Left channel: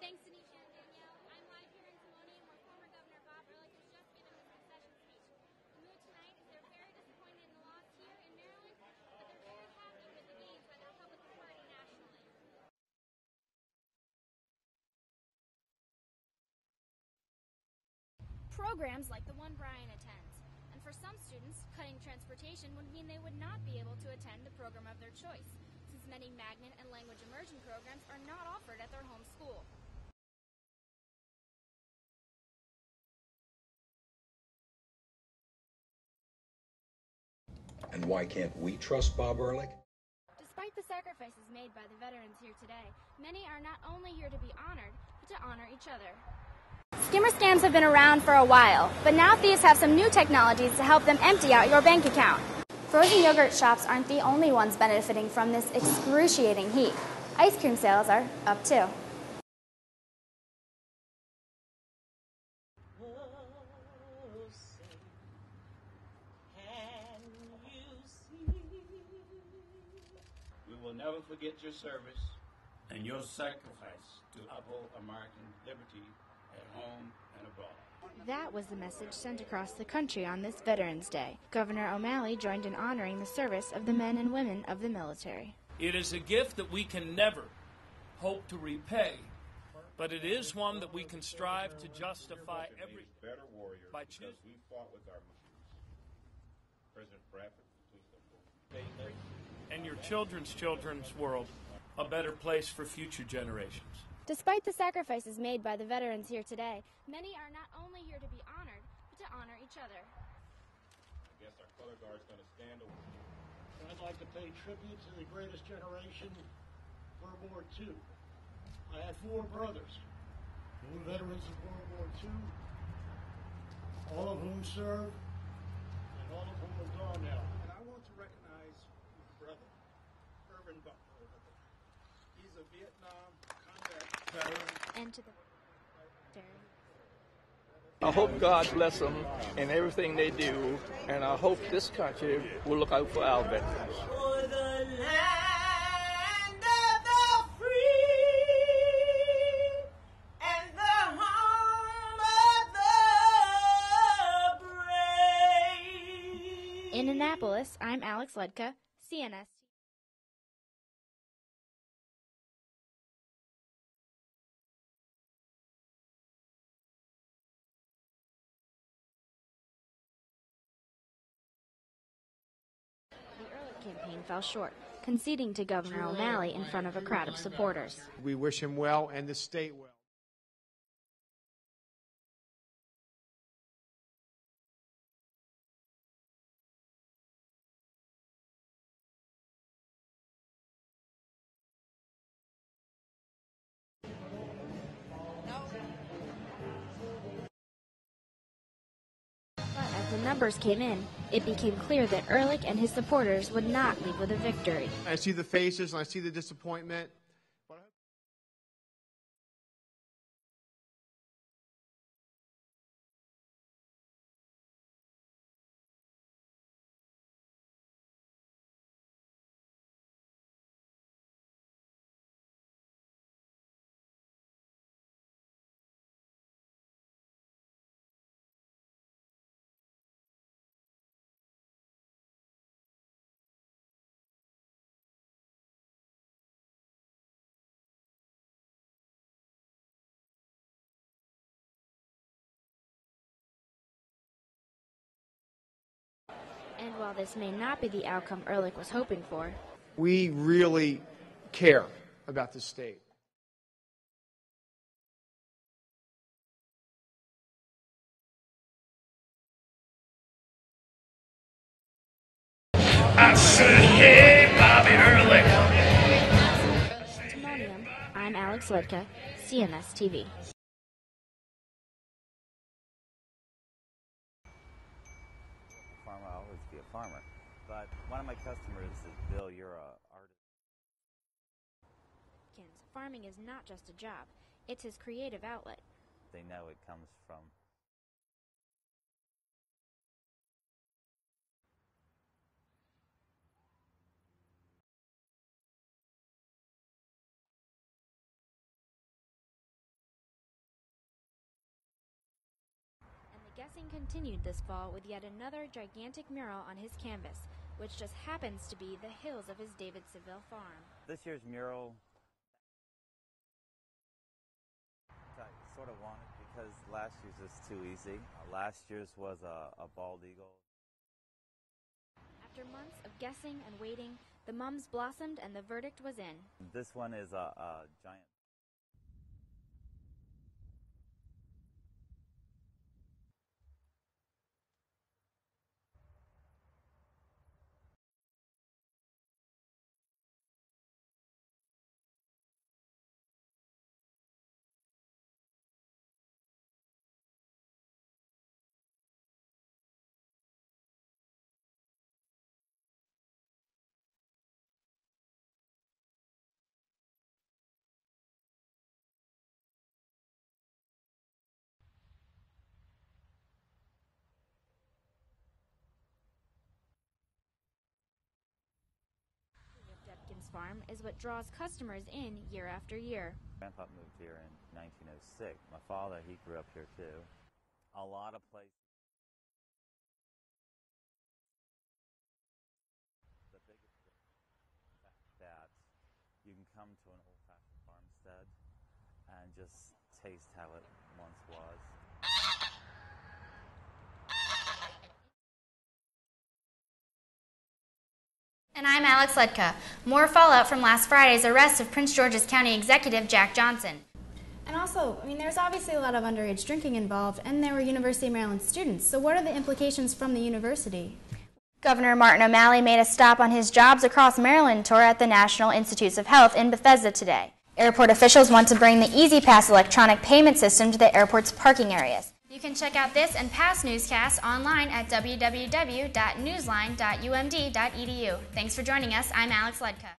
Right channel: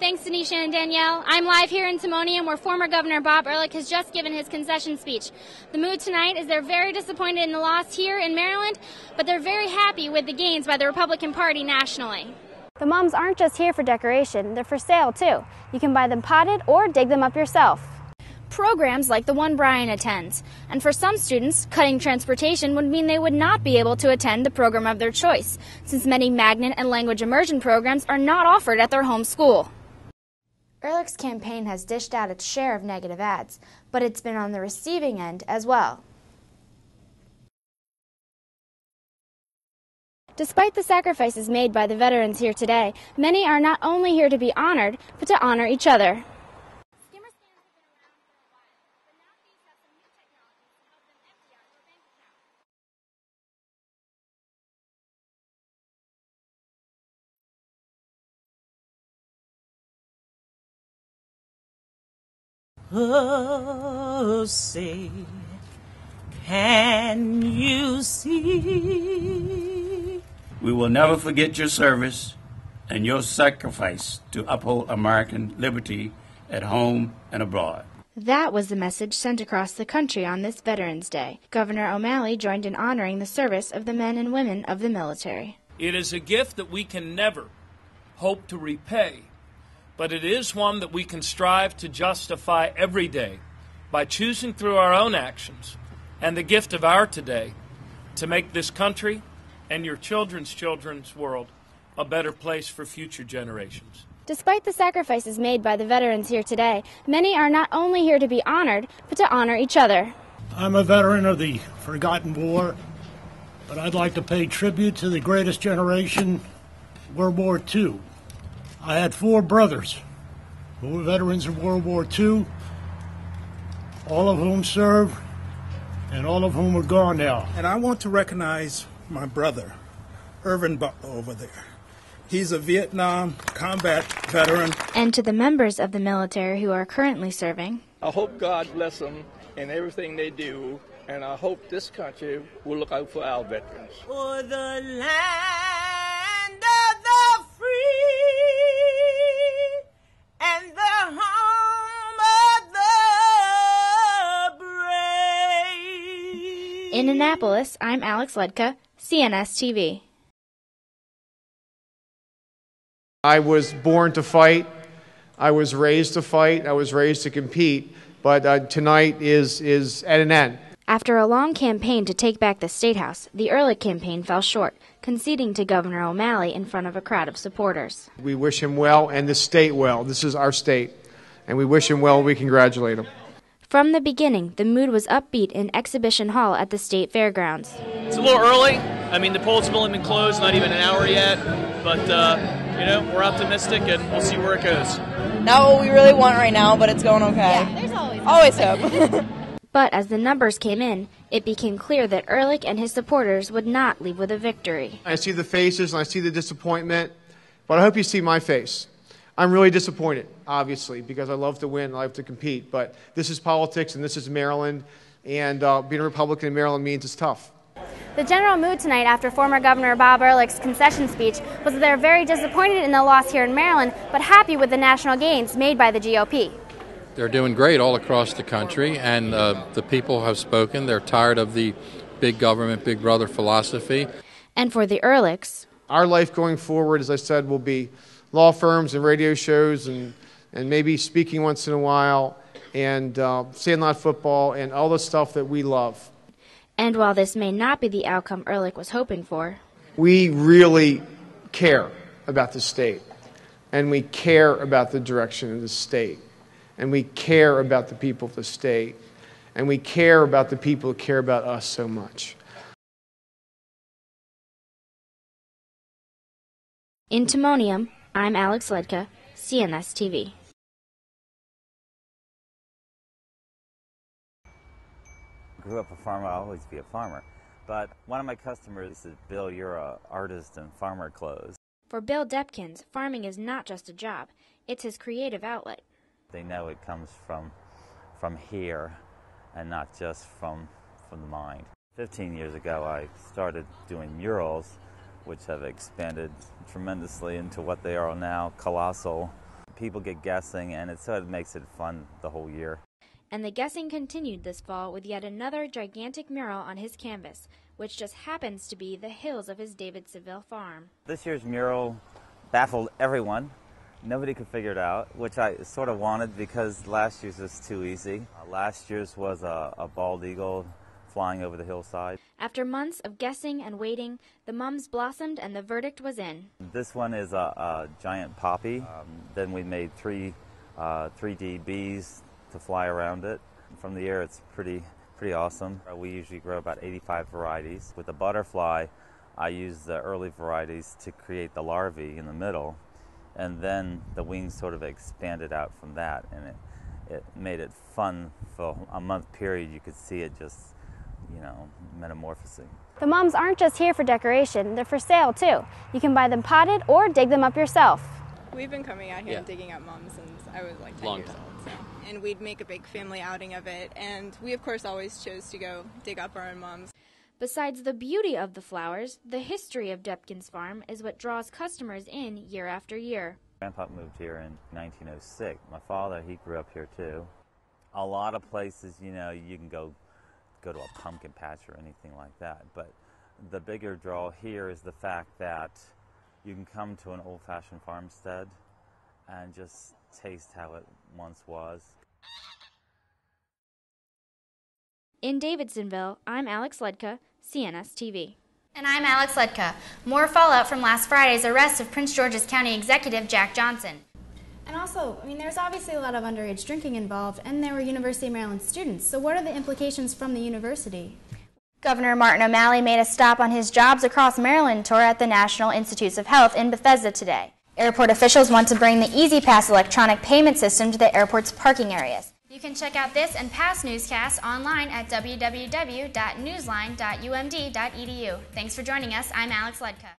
Thanks, Denisha and Danielle. I'm live here in Timonium, where former Governor Bob Ehrlich has just given his concession speech. The mood tonight is they're very disappointed in the loss here in Maryland, but they're very happy with the gains by the Republican Party nationally. The mums aren't just here for decoration, they're for sale too. You can buy them potted or dig them up yourself. Programs like the one Brian attends. And for some students, cutting transportation would mean they would not be able to attend the program of their choice, since many magnet and language immersion programs are not offered at their home school. Ehrlich's campaign has dished out its share of negative ads, but it's been on the receiving end as well. And why can't we trust Bob Ehrlich? Despite the sacrifices made by the veterans here today, many are not only here to be honored, but to honor each other. Skimmer scams have been around for a while, but now thieves have some new technologies to help them empty out your bank account. Frozen yogurt shops aren't the only ones benefiting from this excruciating heat. Ice cream sales are up too. Oh, say, can you see? We will never forget your service and your sacrifice to uphold American liberty at home and abroad. That was the message sent across the country on this Veterans Day. Governor O'Malley joined in honoring the service of the men and women of the military. It is a gift that we can never hope to repay, but it is one that we can strive to justify every day by choosing through our own actions and the gift of our today to make this country and your children's world a better place for future generations. Despite the sacrifices made by the veterans here today, many are not only here to be honored, but to honor each other. I'm a veteran of the forgotten war, but I'd like to pay tribute to the greatest generation, World War II. I had 4 brothers who were veterans of World War II, all of whom served and all of whom are gone now. And I want to recognize my brother, Irvin Butler, over there. He's a Vietnam combat veteran. And to the members of the military who are currently serving, I hope God bless them in everything they do, and I hope this country will look out for our veterans. For the land of the free and the home of the brave. In Annapolis, I'm Alex Ludka, CNS TV. I was born to fight. I was raised to fight. I was raised to compete. But tonight is at an end. After a long campaign to take back the State House, the Ehrlich campaign fell short, conceding to Governor O'Malley in front of a crowd of supporters. We wish him well and the state well. This is our state. And we wish him well. We congratulate him. From the beginning, the mood was upbeat in Exhibition Hall at the State Fairgrounds. It's a little early. I mean, the polls have only been closed, not even an hour yet. But, you know, we're optimistic and we'll see where it goes. Not what we really want right now, but it's going okay. Yeah, there's always hope. But as the numbers came in, it became clear that Ehrlich and his supporters would not leave with a victory. I see the faces and I see the disappointment, but I hope you see my face. I'm really disappointed, obviously, because I love to win, I love to compete, but this is politics and this is Maryland, and being a Republican in Maryland means it's tough. The general mood tonight after former Governor Bob Ehrlich's concession speech was that they're very disappointed in the loss here in Maryland, but happy with the national gains made by the GOP. They're doing great all across the country, and the people have spoken. They're tired of the big government, big brother philosophy. And for the Ehrlichs, our life going forward, as I said, will be law firms and radio shows and maybe speaking once in a while and sandlot football and all the stuff that we love. And while this may not be the outcome Ehrlich was hoping for, we really care about the state, and we care about the direction of the state, and we care about the people of the state, and we care about the people who care about us so much. I said, hey, Bobby Ehrlich. In Timonium, I'm Alex Ludka, CNS TV. Grew up a farmer, I'll always be a farmer. But one of my customers said, Bill, you're an artist in farmer clothes. For Bill Depkins, farming is not just a job, it's his creative outlet. They know it comes from here and not just from the mind. 15 years ago, I started doing murals, which have expanded tremendously into what they are now, colossal. People get guessing, and it sort of makes it fun the whole year. And the guessing continued this fall with yet another gigantic mural on his canvas, which just happens to be the hills of his Davidsonville farm. This year's mural baffled everyone. Nobody could figure it out, which I sort of wanted because last year's was too easy. Last year's was a bald eagle flying over the hillside. After months of guessing and waiting, the mums blossomed and the verdict was in. This one is a giant poppy. Then we made 3D bees to fly around it. From the air, it's pretty awesome. We usually grow about 85 varieties. With the butterfly, I use the early varieties to create the larvae in the middle, and then the wings sort of expanded out from that, and it made it fun for a month period. You could see it just, metamorphosing. The mums aren't just here for decoration, they're for sale too. You can buy them potted or dig them up yourself. We've been coming out here and digging up mums since I was like 10 years old. So. And we'd make a big family outing of it, and we of course always chose to go dig up our own mums. Besides the beauty of the flowers, the history of Depkin's farm is what draws customers in year after year. Grandpa moved here in 1906. My father, he grew up here too. A lot of places, you can go to a pumpkin patch or anything like that, but the bigger draw here is the fact that you can come to an old-fashioned farmstead and just taste how it once was. In Davidsonville, I'm Alex Ludka, CNS TV. And I'm Alex Ludka. More fallout from last Friday's arrest of Prince George's County Executive Jack Johnson. And also, there's obviously a lot of underage drinking involved, and there were University of Maryland students. So what are the implications from the university? Governor Martin O'Malley made a stop on his Jobs Across Maryland tour at the National Institutes of Health in Bethesda today. Airport officials want to bring the EasyPass electronic payment system to the airport's parking areas. You can check out this and past newscasts online at www.newsline.umd.edu. Thanks for joining us. I'm Alex Ludka.